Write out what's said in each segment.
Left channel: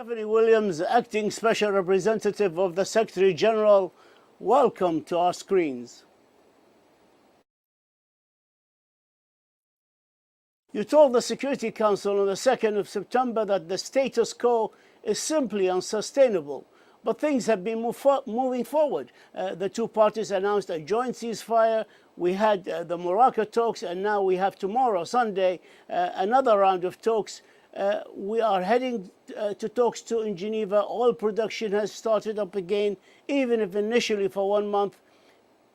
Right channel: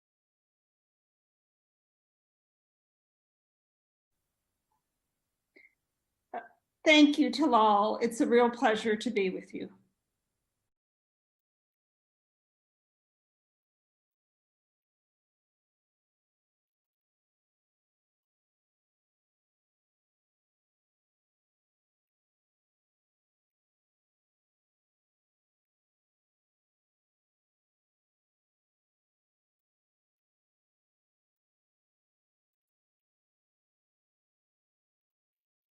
Stephanie Williams, Acting Special Representative of the Secretary General, welcome to our screens. Thank you, Talal. It's a real pleasure to be with you. You told the Security Council on the 2nd of September that the status quo is simply unsustainable, but things have been moving forward. The two parties announced a joint ceasefire. We had the Morocco talks, and now we have tomorrow, Sunday, another round of talks. We are heading to talks too in Geneva. Oil production has started up again, even if initially for 1 month.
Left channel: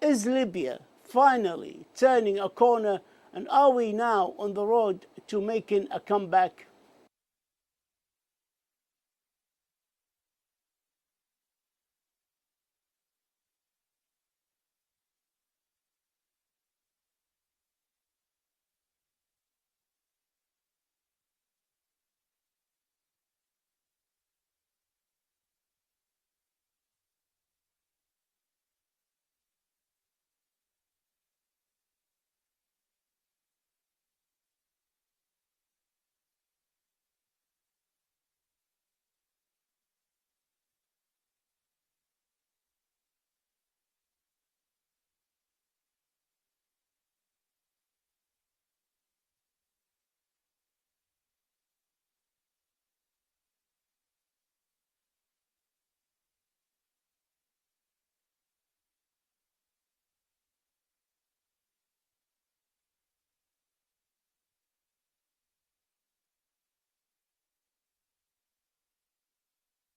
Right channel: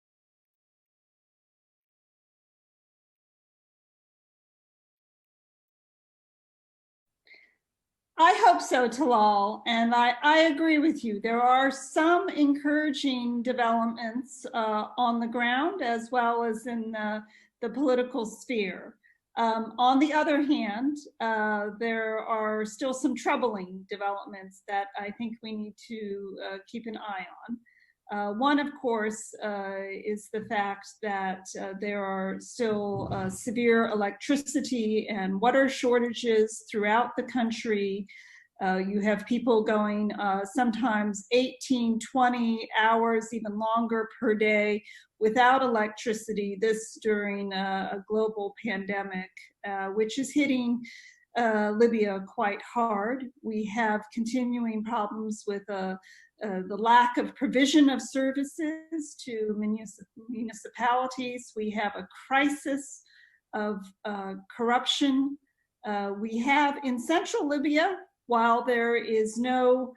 Is Libya finally turning a corner, and are we now on the road to making a comeback? I hope so, Talal, and I agree with you. There are some encouraging developments on the ground as well as in the political sphere. On the other hand, there are still some troubling developments that I think we need to keep an eye on. One, of course, is the fact that there are still severe electricity and water shortages throughout the country. You have people going sometimes 18, 20 hours, even longer per day without electricity, this during a global pandemic, which is hitting Libya quite hard. We have continuing problems with the lack of provision of services to municipalities. We have a crisis of corruption. We have in central Libya, while there is no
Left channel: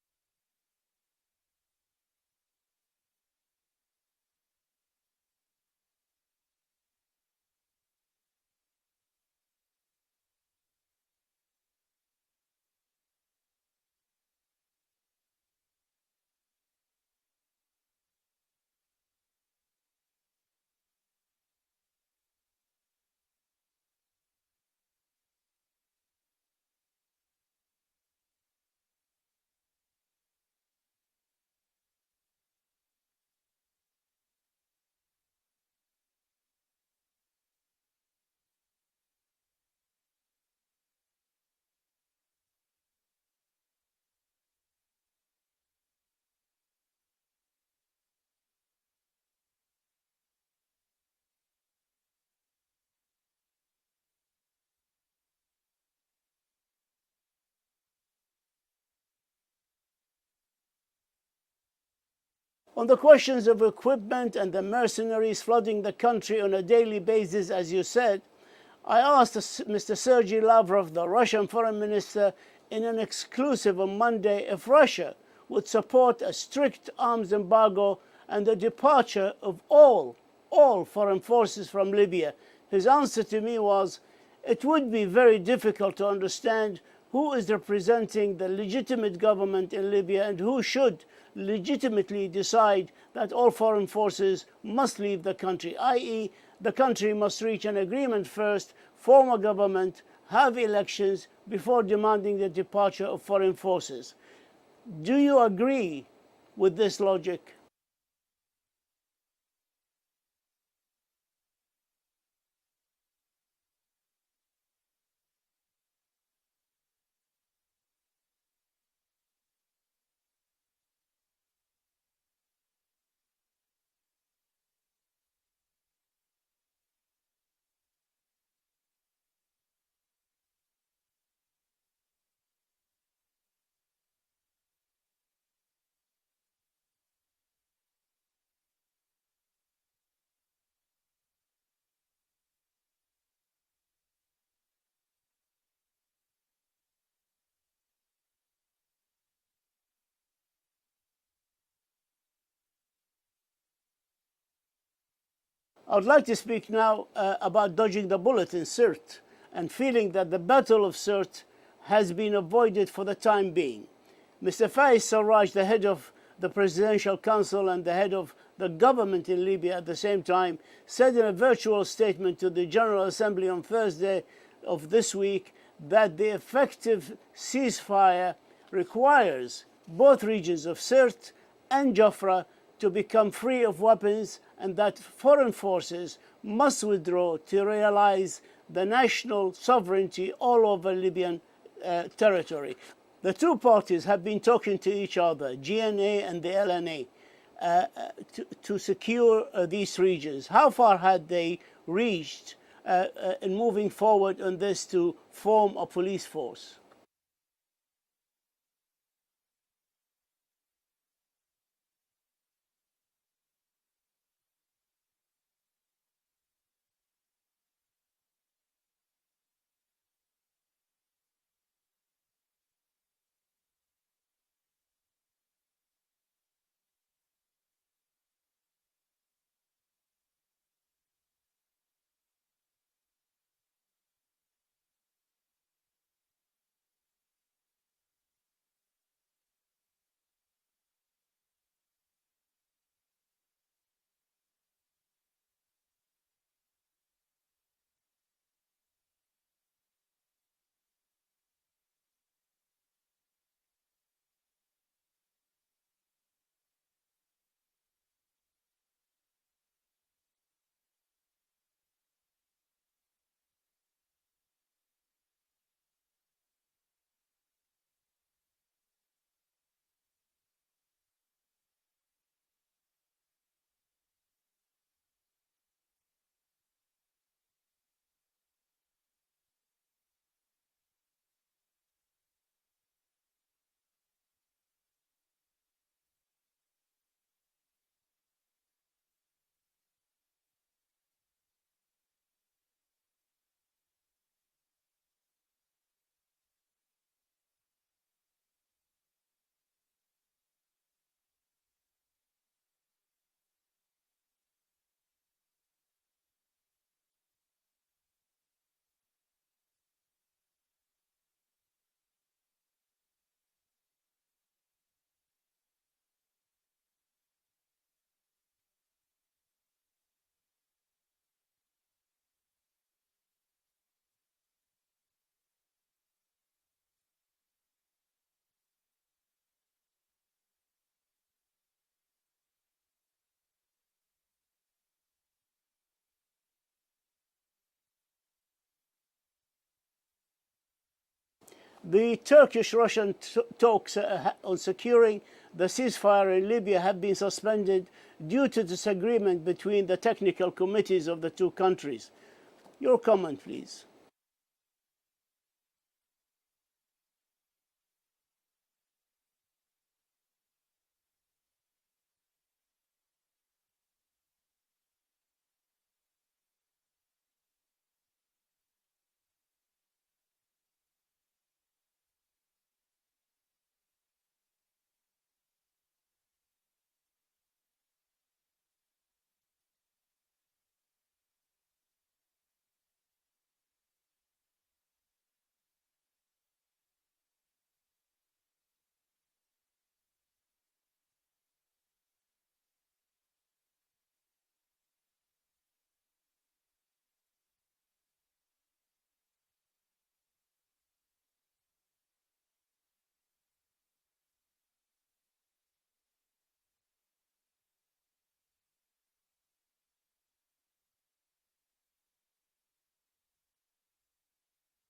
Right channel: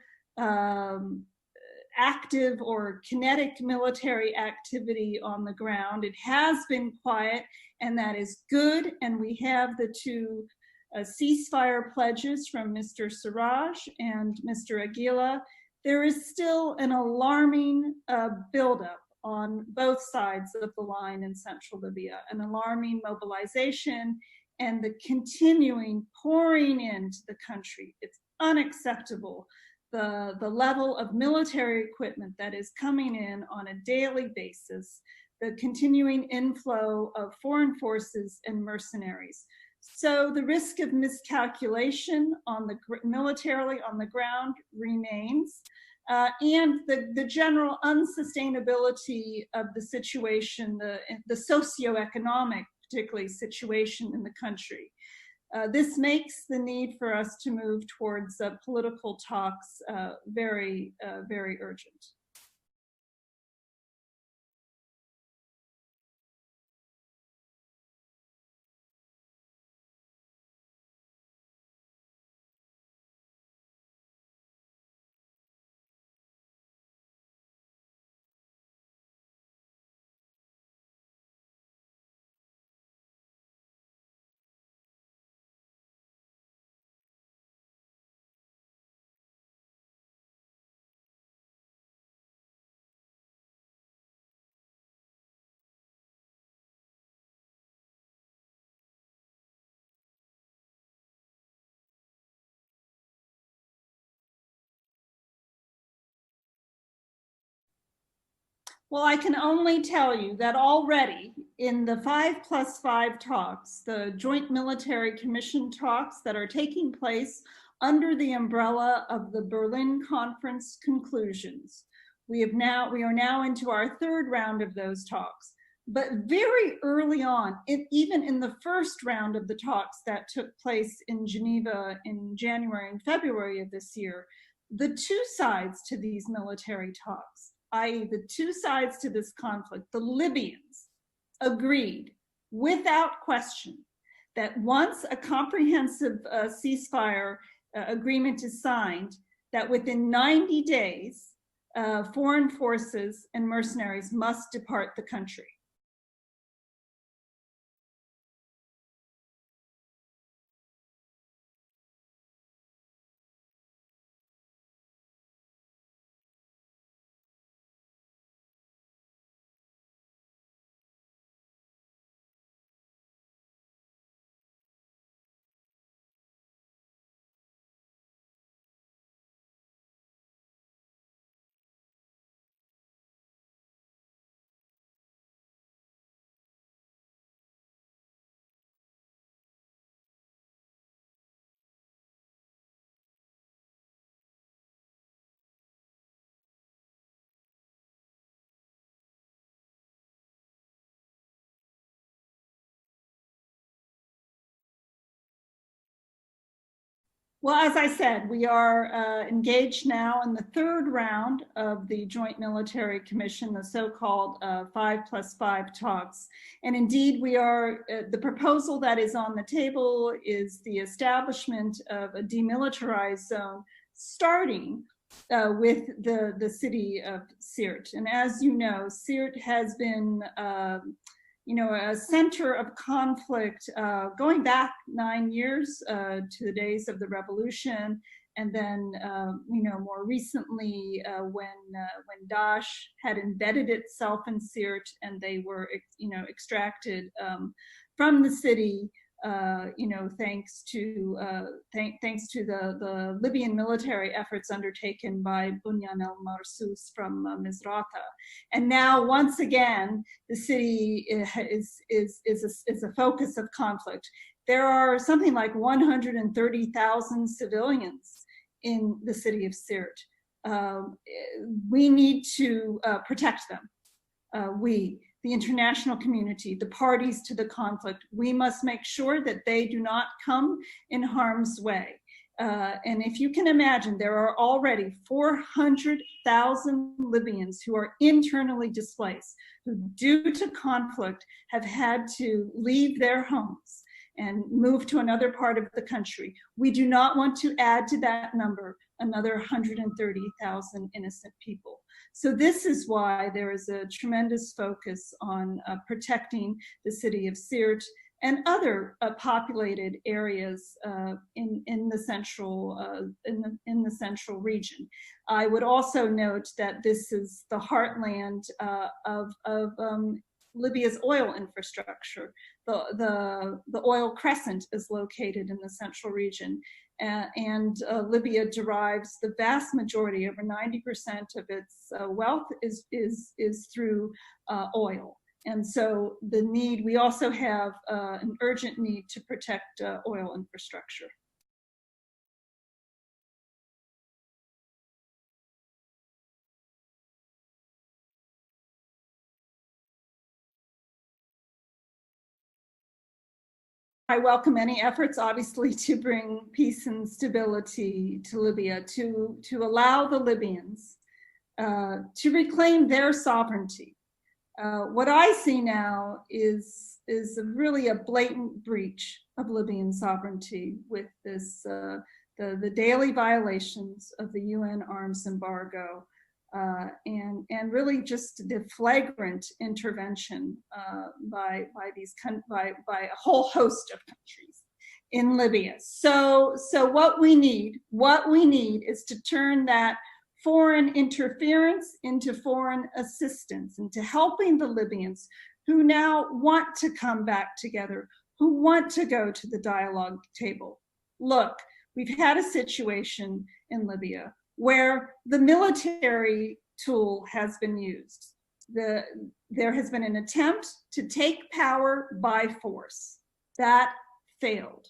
active or kinetic military activity on the ground, it has been quiet, and that is good. And we have the two ceasefire pledges from Mr. Sarraj and Mr. Aguila. There is still an alarming buildup on both sides of the line in central Libya, an alarming mobilization and the continuing pouring into the country. It's unacceptable, the level of military equipment that is coming in on a daily basis, the continuing inflow of foreign forces and mercenaries. So the risk of miscalculation on the militarily on the ground remains, and the general unsustainability of the situation, the socioeconomic, particularly, situation in the country. This makes the need for us to move towards political talks very, very urgent. On the questions of equipment and the mercenaries flooding the country on a daily basis, as you said, I asked Mr. Sergei Lavrov, the Russian foreign minister, in an exclusive on Monday if Russia would support a strict arms embargo and the departure of all foreign forces from Libya. His answer to me was, it would be very difficult to understand who is representing the legitimate government in Libya and who should legitimately decide that all foreign forces must leave the country, i.e., the country must reach an agreement first, form a government, have elections before demanding the departure of foreign forces. Do you agree with this logic? Well, I can only tell you that already in the 5+5 talks, the Joint Military Commission talks that are taking place under the umbrella of the Berlin Conference conclusions, we are now into our third round of those talks. But very early on, even in the first round of the talks that took place in Geneva in January and February of this year, the two sides to these military talks, i.e. the two sides to this conflict, the Libyans, agreed without question that once a comprehensive ceasefire agreement is signed, that within 90 days, foreign forces and mercenaries must depart the country. I would like to speak now about dodging the bullet in Sirte and feeling that the Battle of Sirte has been avoided for the time being. Mr. Faiz Sarraj, the head of the Presidential Council and the head of the government in Libya at the same time, said in a virtual statement to the General Assembly on Thursday of this week that the effective ceasefire requires both regions of Sirte and Jafra to become free of weapons, and that foreign forces must withdraw to realize the national sovereignty all over Libyan territory. The two parties have been talking to each other, GNA and the LNA, to secure these regions. How far had they reached in moving forward on this to form a police force? Well, as I said, we are engaged now in the third round of the Joint Military Commission, the so-called 5+5 talks. And indeed, we are, the proposal that is on the table is the establishment of a demilitarized zone, starting with the city of Sirte. And as you know, Sirte has been a center of conflict going back 9 years to the days of the revolution, and then more recently when Daesh had embedded itself in Sirte and they were extracted from the city. Thanks to the Libyan military efforts undertaken by Bunyan al-Marsus from Misrata, and now once again the city is a focus of conflict. There are something like 130,000 civilians in the city of Sirte. We need to protect them. The international community, the parties to the conflict, we must make sure that they do not come in harm's way. And if you can imagine, there are already 400,000 Libyans who are internally displaced, who due to conflict have had to leave their homes and move to another part of the country. We do not want to add to that number another 130,000 innocent people. So this is why there is a tremendous focus on protecting the city of Sirte and other populated areas in the central region. I would also note that this is the heartland of Libya's oil infrastructure. The oil crescent is located in the central region. And Libya derives the vast majority, over 90% of its wealth is through oil. And so we also have an urgent need to protect oil infrastructure. The Turkish-Russian talks on securing the ceasefire in Libya have been suspended due to disagreement between the technical committees of the two countries. Your comment, please. I welcome any efforts, obviously, to bring peace and stability to Libya, to allow the Libyans to reclaim their sovereignty. What I see now is really a blatant breach of Libyan sovereignty with this the daily violations of the UN arms embargo, and really just the flagrant intervention by a whole host of countries in Libya. So what we need is to turn that foreign interference into foreign assistance, into helping the Libyans who now want to come back together, who want to go to the dialogue table. Look, we've had a situation in Libya where the military tool has been used. There has been an attempt to take power by force. That failed.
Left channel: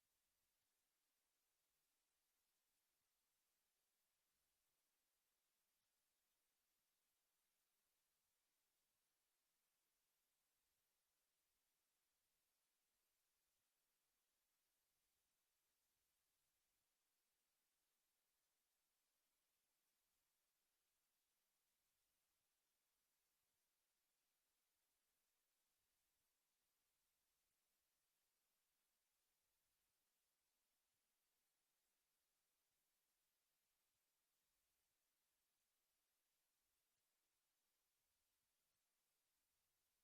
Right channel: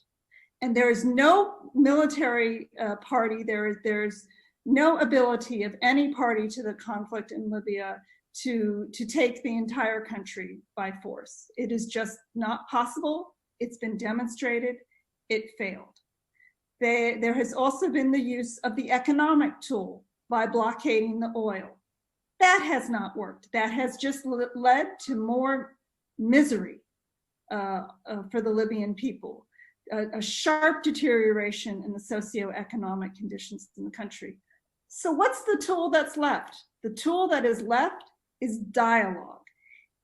And there is no military party, there's no ability of any party to the conflict in Libya to take the entire country by force. It is just not possible. It's been demonstrated. It failed. There has also been the use of the economic tool by blockading the oil. That has not worked. That has just led to more misery for the Libyan people, a sharp deterioration in the socioeconomic conditions in the country. So what's the tool that's left? The tool that is left is dialogue.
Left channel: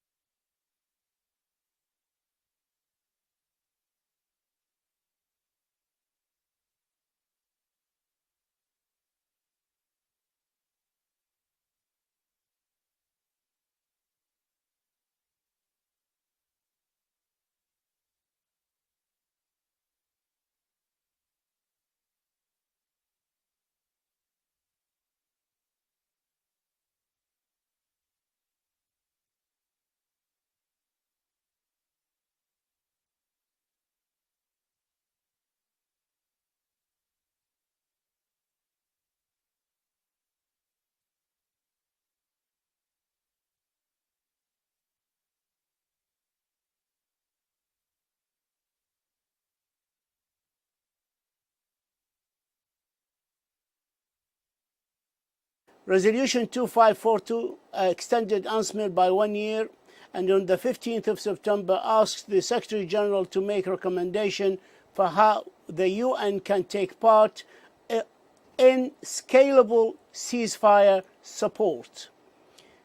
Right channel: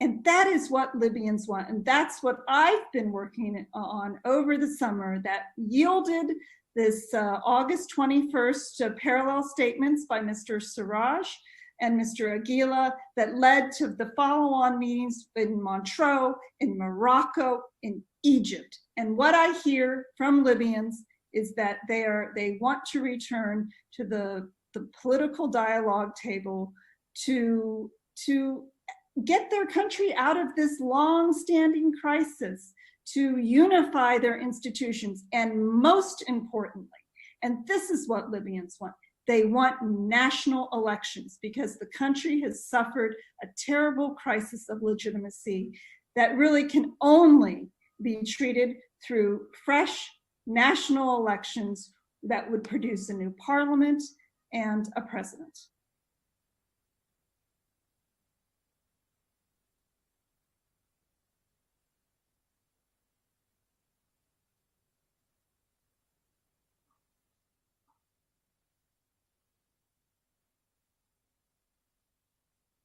And that is what Libyans want. And that's what I've been working on over the summer that yielded this August 21st parallel statements by Mr. Siraj and Mr. Aguila that led to the follow-on meetings in Montreux, in Morocco, in Egypt. And what I hear from Libyans is that they want to return to the political dialogue table to get their country out of this long-standing crisis, to unify their institutions, and most importantly, And this is what Libyans want. They want national elections because the country has suffered a terrible crisis of legitimacy that really can only be treated through fresh national elections that would produce a new parliament and a president. Resolution 2542 extended UNSMIL by 1 year, and on the 15th of September asked the Secretary General to make recommendation for how the UN can take part in scalable ceasefire support.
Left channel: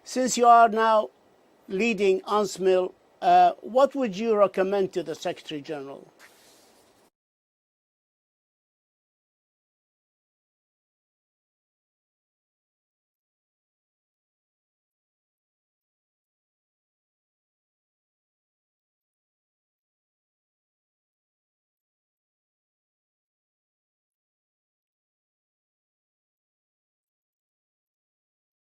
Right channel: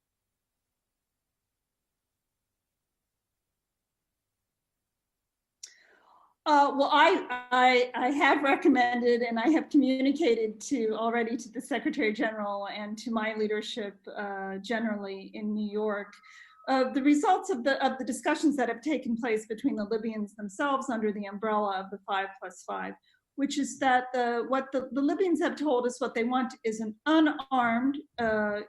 Since you are now leading UNSMIL, what would you recommend to the Secretary General? Well, I have recommended and I have communicated already to the Secretary General and to my leadership generally in New York the results of the discussions that have taken place between the Libyans themselves under the umbrella of the 5+5, which is that what the Libyans have told us what they want is an unarmed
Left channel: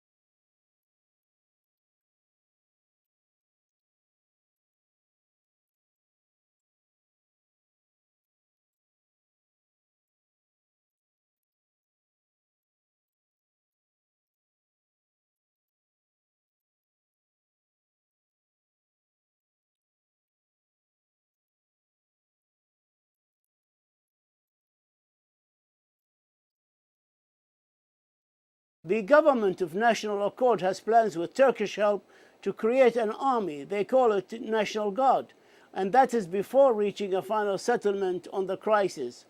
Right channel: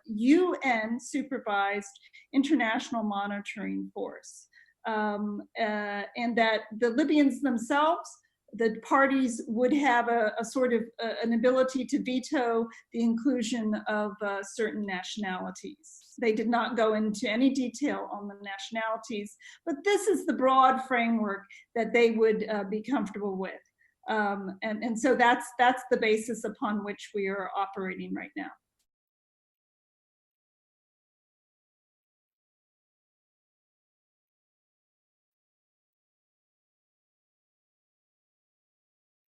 UN supervised international monitoring force. And that the Libyans themselves, the parties would have a sort of an ability to veto the inclusion of certain nationalities. They did not go into any detail on the nationalities, but this is the broad framework that they would be comfortable with. And so that's the basis upon which we are operating right now. The government of National Accord has plans with Turkish help to create an army. They call it National Guard, and that is before reaching a final settlement on the crisis.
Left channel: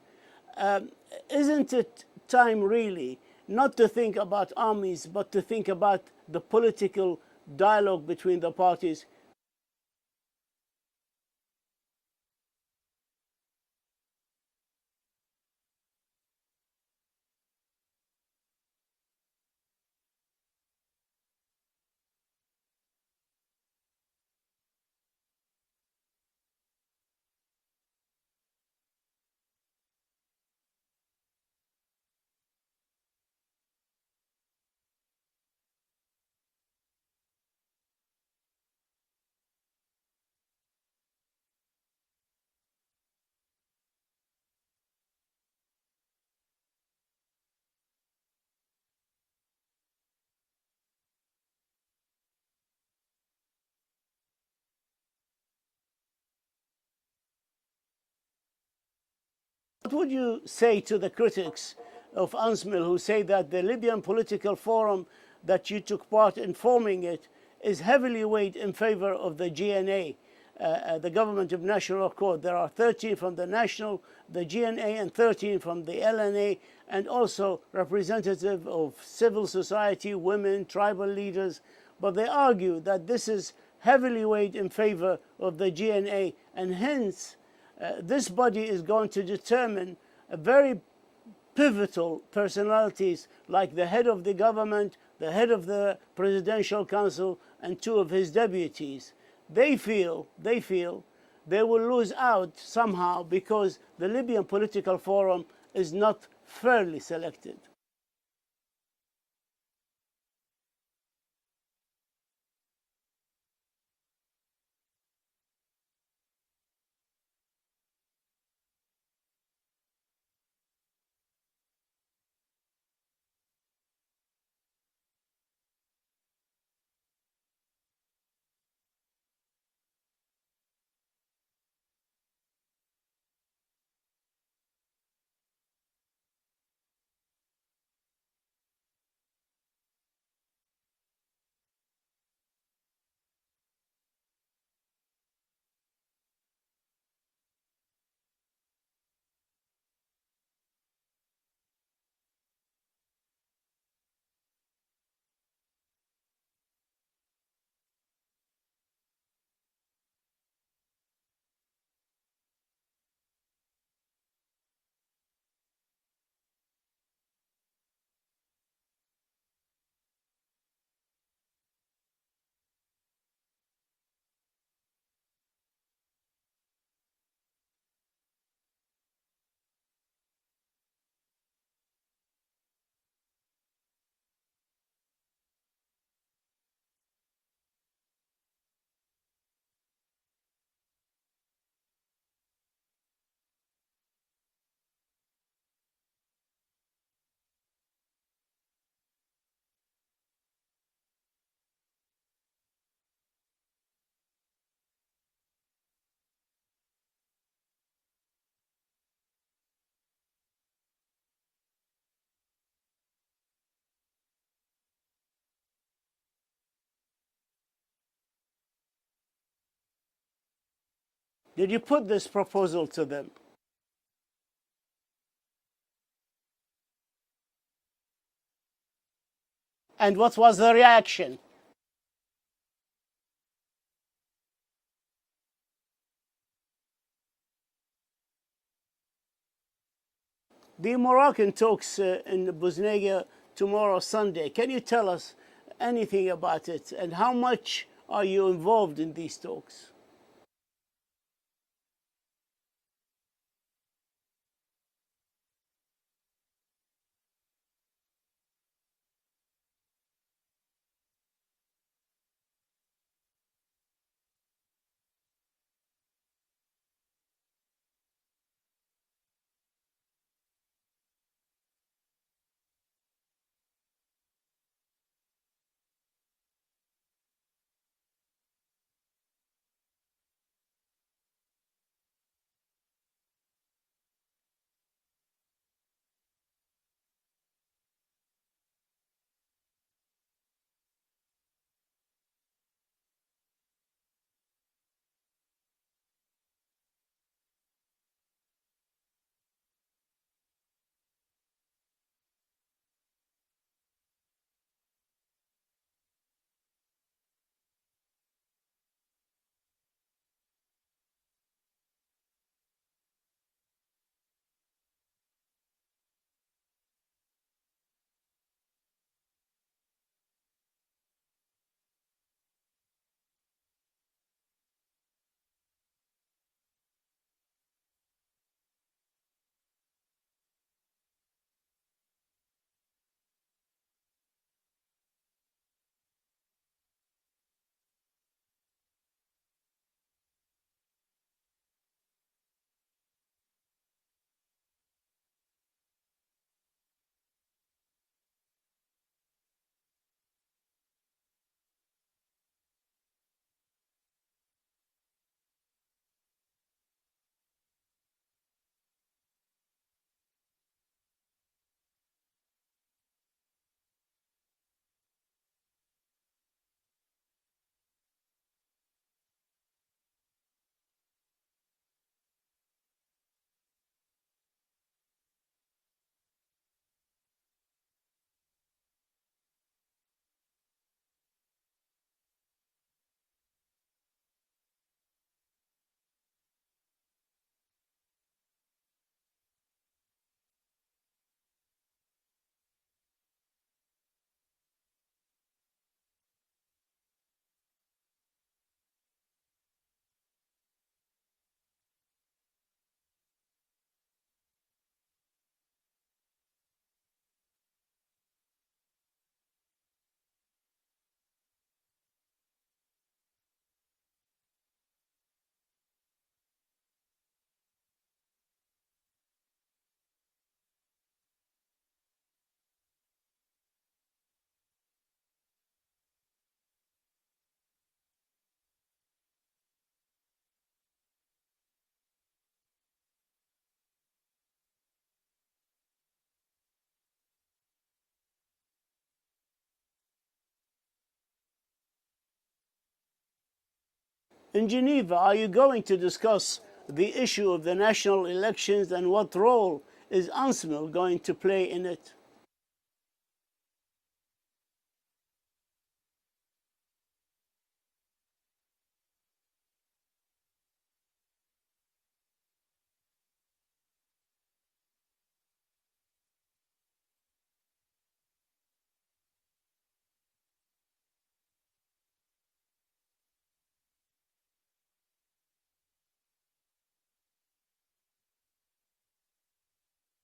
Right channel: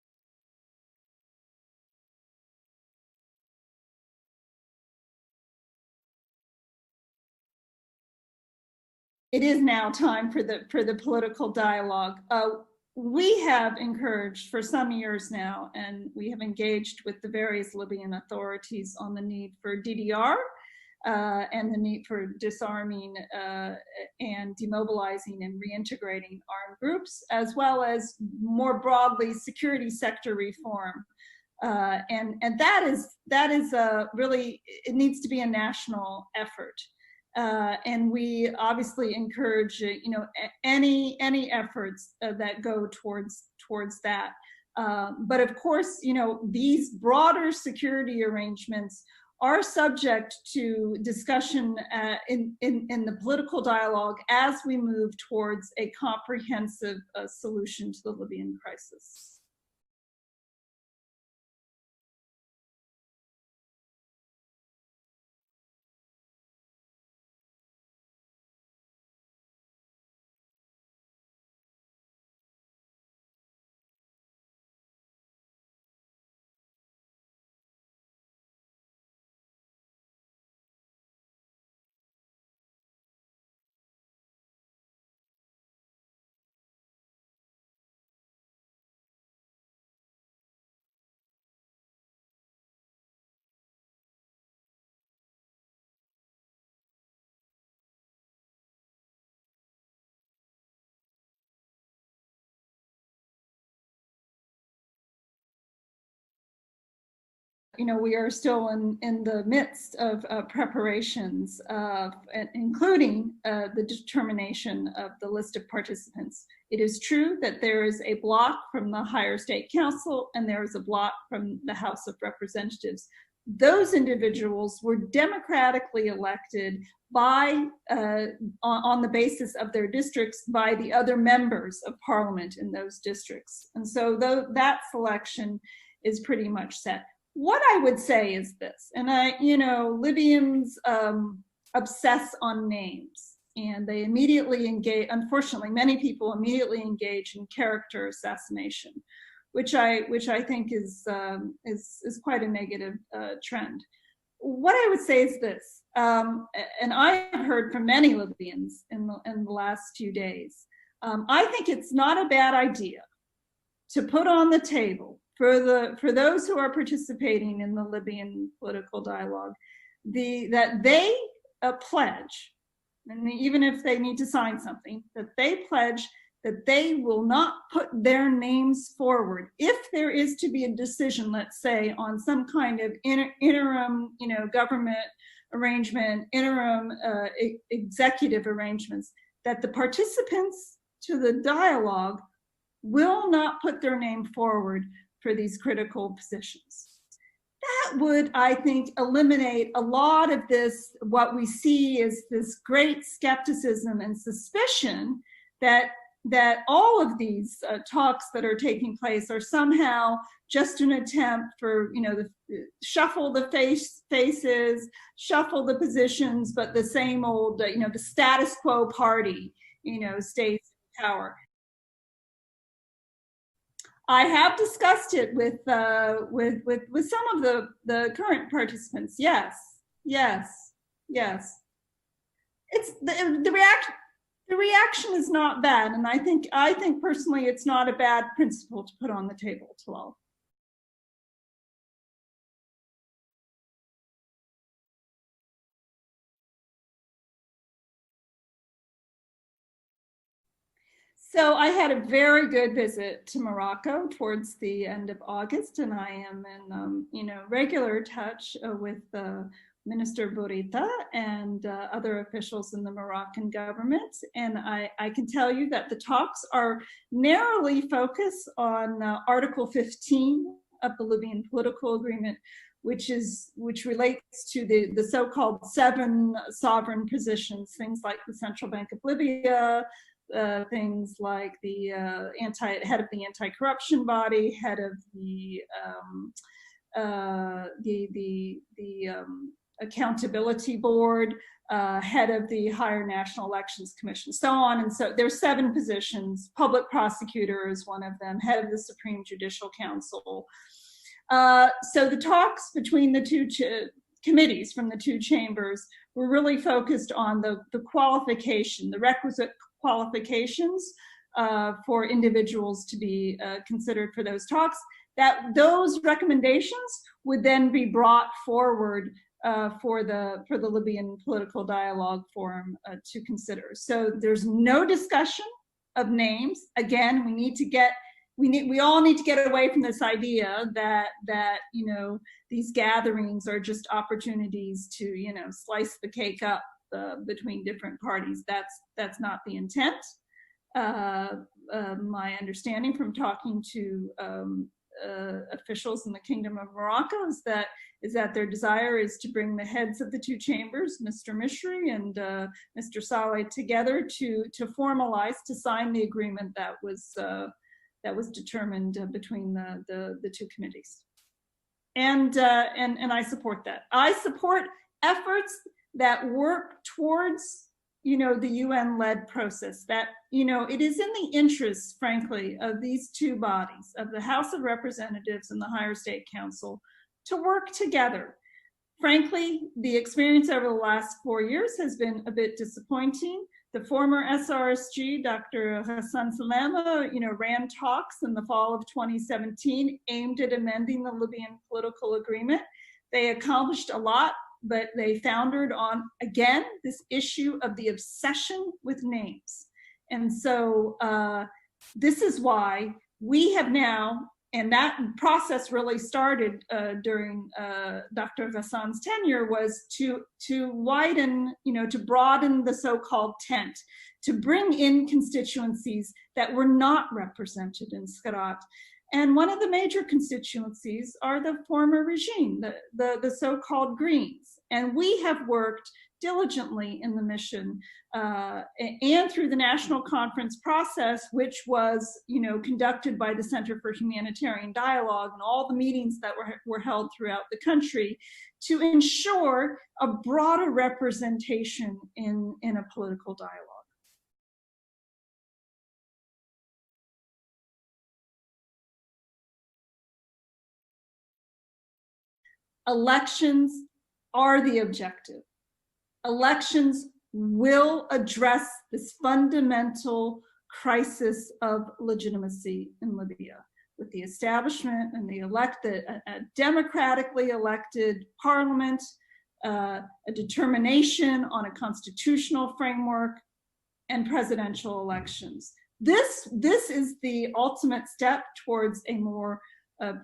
Isn't it time really not to think about armies, but to think about the political dialogue between the parties? It is now time for the political dialogue. We have encouraged for some years now, and we have engaged with the various Libyan authorities on the need for DDR and the need for disarming and demobilizing and reintegrating armed groups, as well as more broadly security sector reform. And that is really, it needs to be a national effort. And we obviously encourage, any efforts that go towards that. But of course, these broader security arrangements are subject to discussion in the political dialogue as we move towards a comprehensive solution to the Libyan crisis. What would you say to the critics of UNSMIL who say that the Libyan political forum that you took part in forming it is heavily weighed in favor of the GNA, the Government of National Accord? There are 13 from the GNA, and 13 from the LNA, and also representative of civil society, women, tribal leaders. But they argue that this is heavily weighed in favor of the GNA, and hence this body is going to determine a very pivotal personalities like the head of the government, the head of the Presidential Council, and 2 of his deputies. They feel they will lose out somehow because the Libyan political forum is not fairly selected. We are still in the midst of preparations, including the determination of the list of participants. It is true that there is a block from the Higher State Council and there is a block from the House of Representatives. Those individuals were democratically elected by, on the basis of their districts, by the other members of parliament in those districts. And so that selection is pretty much set. What I would say is this, and Libyans obsess on names, and they immediately engage, unfortunately, many people immediately engage in character assassination, which I think is quite a negative trend. What I would say is this, and I have heard from many Libyans in the last few days. I think it's not a bad idea to put on the table for those who are participating in the Libyan political dialogue, that they pledge, and even if they need to sign something, that they pledge that they will not put their names forward if there is to be a decision, let's say, on some kind of interim, government arrangement, interim executive arrangements, that the participants to the dialogue will not put their name forward for these critical positions. That would, I think, eliminate a lot of this, what we see is this great skepticism and suspicion that all of these talks that are taking place are somehow just an attempt for, shuffle the faces, shuffle the positions, but the same old, the status quo party, stays in power. Did you put this proposal to them? I have discussed it with some of the current participants. Yes. And yes. what was the reaction? Yes. It's the reaction. The reaction is not bad, and I think personally it's not a bad principle to put on the table, Talal. The Moroccan talks in Bosnia tomorrow, Sunday. Can you tell us anything about it, and how much are you involved in these talks? So I had a very good visit to Morocco towards the end of August, and I am in regular touch with Minister Bourita and other officials in the Moroccan government. And I can tell you that the talks are narrowly focused on Article 15 of the Libyan political agreement, which relates to the so-called 7 sovereign positions, things like the Central Bank of Libya, things like the head of the anti-corruption body, head of the accountability board, head of the higher national elections commission, so on. And so there's 7 positions. Public prosecutor is one of them, head of the Supreme Judicial Council. So the talks between the two committees from the 2 chambers were really focused on the qualification, the requisite qualifications for individuals to be considered for those talks, that those recommendations would then be brought forward for the Libyan Political Dialogue Forum to consider. So there's no discussion of names. Again, we all need to get away from this idea that these gatherings are just opportunities to slice the cake up between different parties. That's not the intent. My understanding from talking to officials in the Kingdom of Morocco is that their desire is to bring the heads of the 2 chambers, Mr. Mishri and Mr. Saleh, together to formalize, to sign the agreement that was determined between the 2 committees. And I support that. I support efforts that work towards the UN-led process, that it is in the interests, frankly, of these 2 bodies, of the House of Representatives and the Higher State Council, to work together. Frankly, the experience over the last 4 years has been a bit disappointing. The former SRSG, Dr. Hassan Salama, ran talks in the fall of 2017 aimed at amending the Libyan political agreement. They accomplished a lot, but they foundered on, again, this issue of the obsession with names. And so this is why we have now, and that process really started during Dr. Hassan's tenure, was to widen, to broaden the so-called tent, to bring in constituencies that were not represented in Skhirat. And one of the major constituencies are the former regime, the so-called Greens. And we have worked diligently in the mission and through the national conference process, which was, conducted by the Center for Humanitarian Dialogue, and all the meetings that were held throughout the country to ensure a broader representation in a political dialogue. In Geneva, are you going to discuss the issue of the national elections and what role is UNSMIL going to play in it? Elections are the objective. Elections will address this fundamental crisis of legitimacy in Libya, with the establishment and a democratically elected parliament, a determination on a constitutional framework, and presidential elections. This is the ultimate step towards a more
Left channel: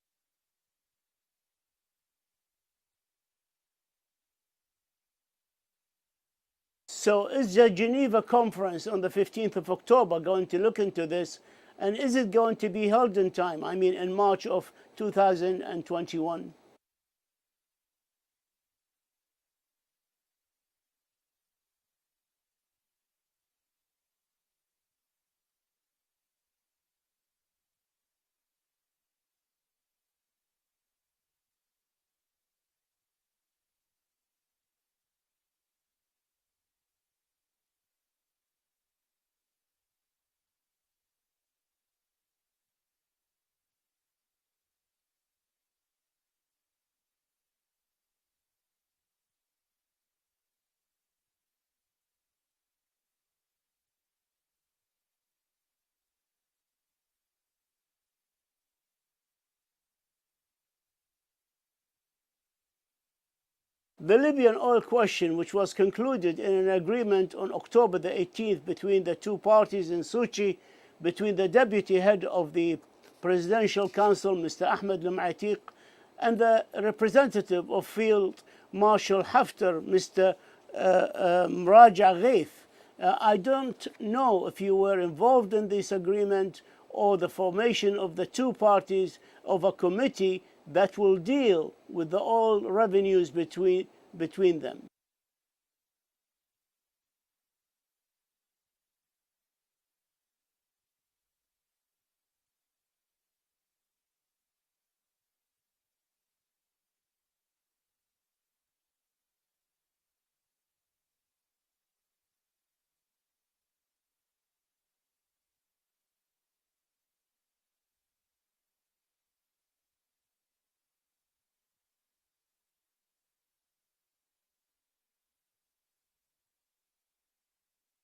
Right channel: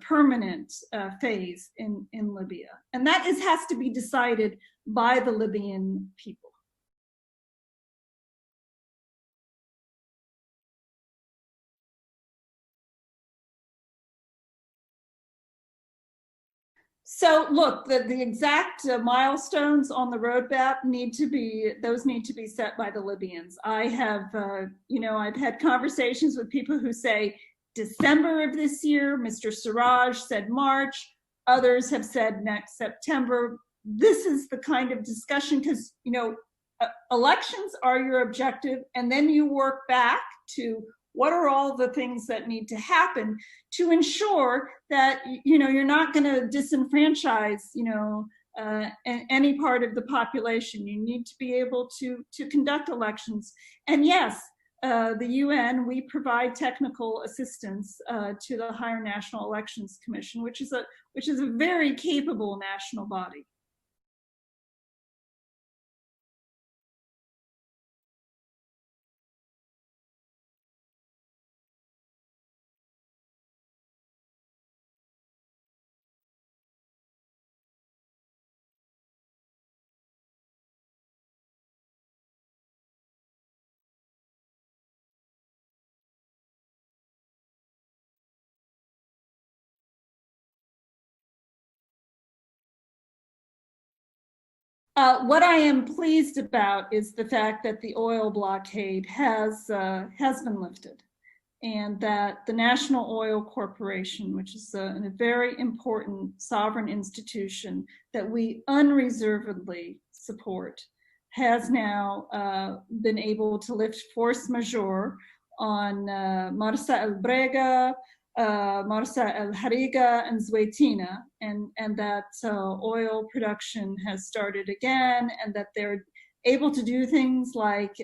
permanent phase in Libya. And that has to be decided by the Libyan people. So is the Geneva conference on the 15th of October going to look into this? And is it going to be held in time? I mean, in March of 2021? So look, the exact milestones on the roadmap need to be set by the Libyans. I have, I've had conversations with people who say December of this year. Mr. Siraj said March. Others have said next September. This is the kind of discussion because, elections are your objective, and then you work back to what are all the things that need to happen to ensure that you're not going to disenfranchise any part of the population. You need to be able to conduct elections. And yes, the UN, we provide technical assistance to the Higher National Elections Commission, which is a very capable national body. The Libyan oil question, which was concluded in an agreement on October the 18th between the two parties in Sochi, between the deputy head of the Presidential Council, Mr. Ahmed Al-Matiq, and the representative of Field Marshal Haftar, Mr. Mraja Ghaith. I don't know if you were involved in this agreement or the formation of the two parties of a committee that will deal with the oil revenues between them. What I am pleased about is the fact that the oil blockade has been lifted, and that the National Oil Corporation, which is a very important sovereign institution that we unreservedly support, has now been able to lift force majeure on Marsa El Brega, Marsa El Hariga, and Zweitina, and that oil production has started again, and that they're able to do things like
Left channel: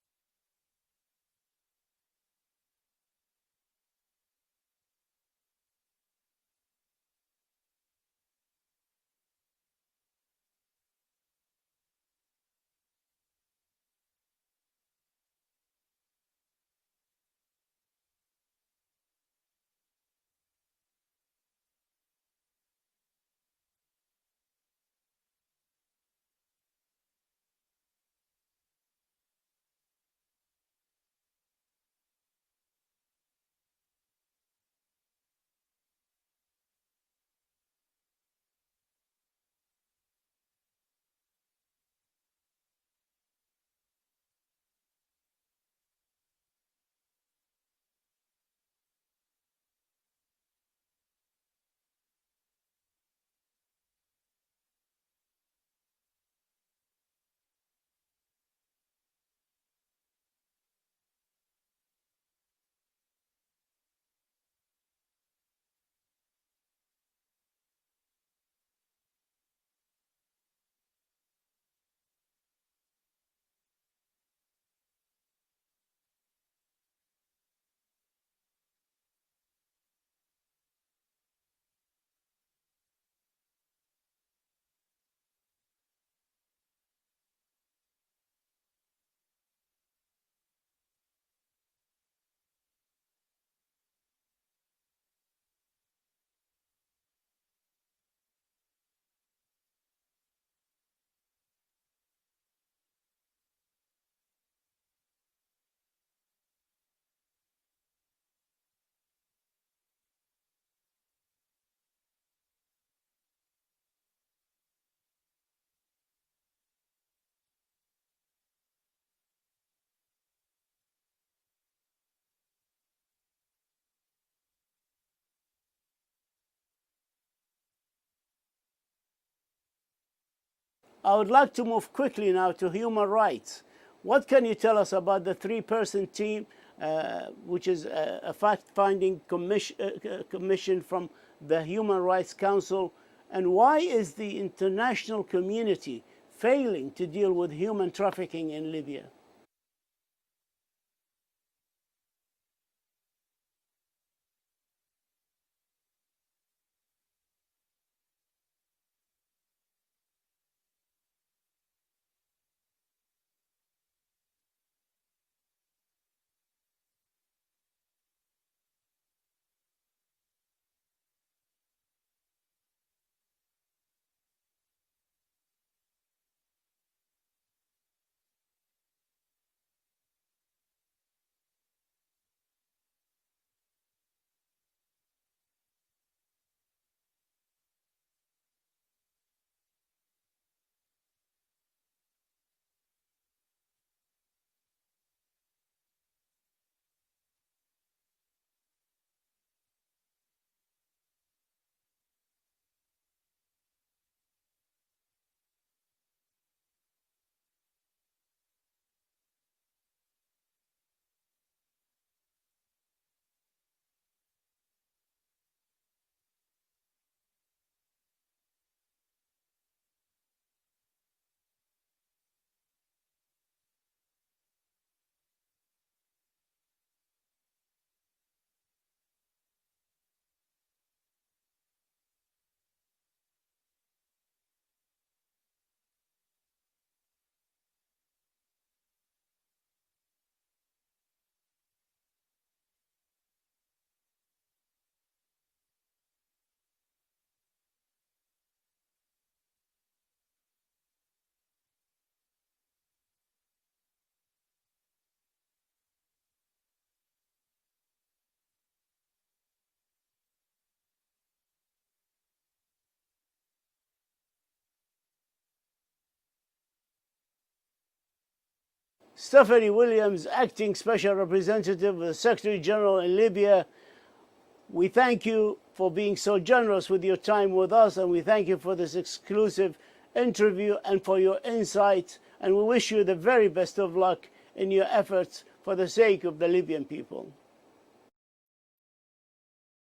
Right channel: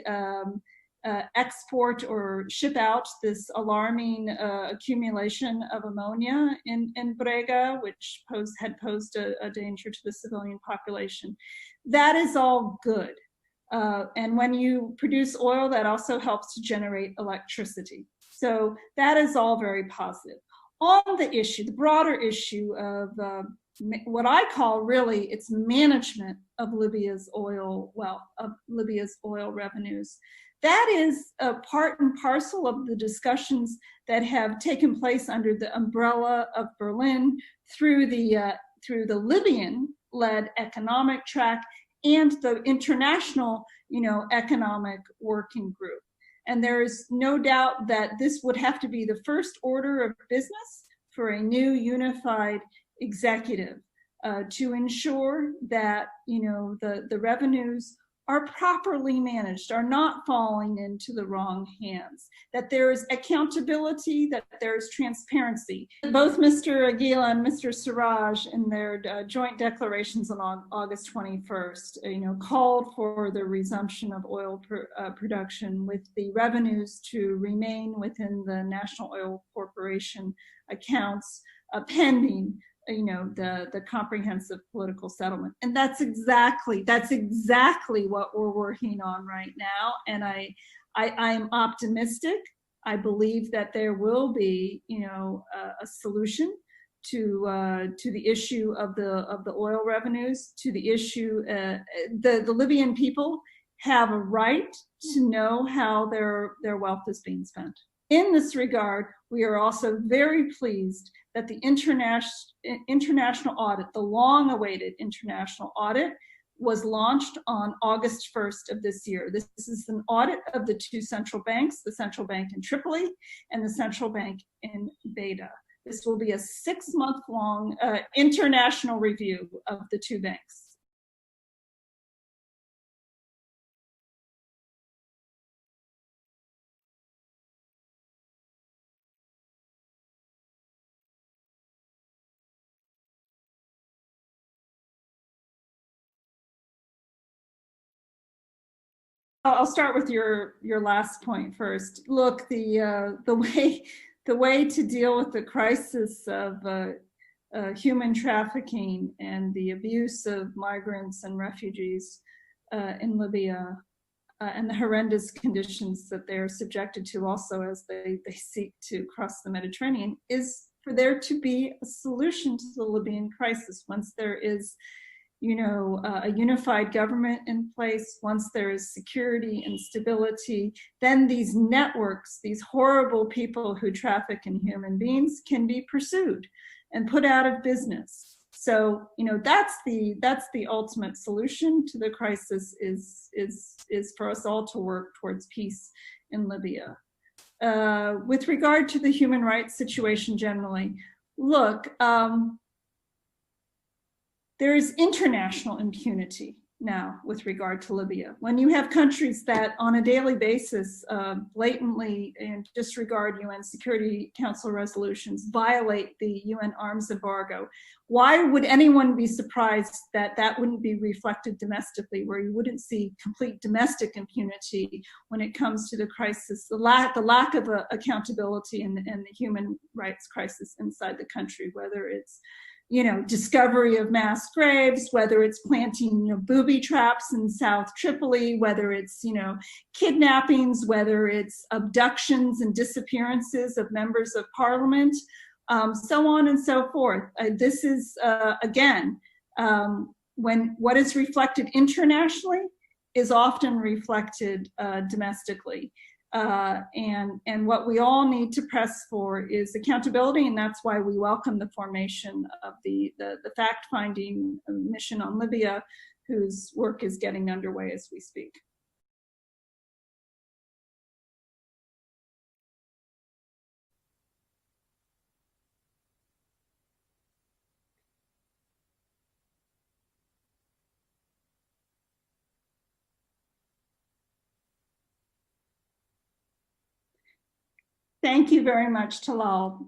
export or ship out this alarming accumulation of ammonia in Brega, which had posed a danger to the civilian population. That is all good. And when you produce oil, that also helps to generate electricity. So that is all very positive. On the issue, the broader issue of what I call really its management of Libya's oil revenues, that is a part and parcel of the discussions that have taken place under the umbrella of Berlin through the Libyan-led economic track and the international, economic working group. And there is no doubt that this would have to be the first order of business for a new unified executive to ensure that the revenues are properly managed, are not falling into the wrong hands, that there is accountability, that there is transparency. Both Mr. Aguila and Mr. Siraj, in their joint declarations on August 21st, called for the resumption of oil production, with the revenues to remain within the National Oil Corporation accounts, pending the comprehensive political settlement. And that's exactly what we're working on right now. And I'm optimistic. I believe that there will be, a solution to the issue of the oil revenues, to the issue. The Libyan people have a right to know how their wealth is being spent. In this regard, we are also very pleased that the international audit, the long-awaited international audit, was launched on August 1st of this year. This is an audit of the two central banks, the central bank in Tripoli and the central bank in Beta. This will be a 6-month-long international review of the two banks. I would like to move quickly now to human rights. What can you tell us about the 3-person team, which is a fact-finding commission from the Human Rights Council, and why is the international community failing to deal with human trafficking in Libya? I'll start with your last point first. Look, the way to deal with the crisis of human trafficking and the abuse of migrants and refugees in Libya, and the horrendous conditions that they're subjected to also as they seek to cross the Mediterranean, is for there to be a solution to the Libyan crisis. Once there is, a unified government in place, once there is security and stability, then these networks, these horrible people who traffic in human beings, can be pursued. and put out of business. So, that's the ultimate solution to the crisis is for us all to work towards peace in Libya. With regard to the human rights situation generally, look, there is international impunity now with regard to Libya. When you have countries that on a daily basis blatantly disregard UN Security Council resolutions, violate the UN arms embargo, why would anyone be surprised that that wouldn't be reflected domestically, where you wouldn't see complete domestic impunity when it comes to the crisis, the lack of accountability in the human rights crisis inside the country, whether it's discovery of mass graves, whether it's planting, booby traps in South Tripoli, whether it's, kidnappings, whether it's abductions and disappearances of members of parliament, so on and so forth. This is, again, when what is reflected internationally is often reflected domestically. And what we all need to press for is accountability, and that's why we welcome the formation of the fact-finding mission on Libya, whose work is getting underway as we speak. Stephanie Williams, Acting Special Representative of the Secretary General in Libya, we thank you for being so generous with your time with us, and we thank you for this exclusive interview and for your insight, and we wish you the very best of luck in your efforts for the sake of the Libyan people. Thank you very much, Talal.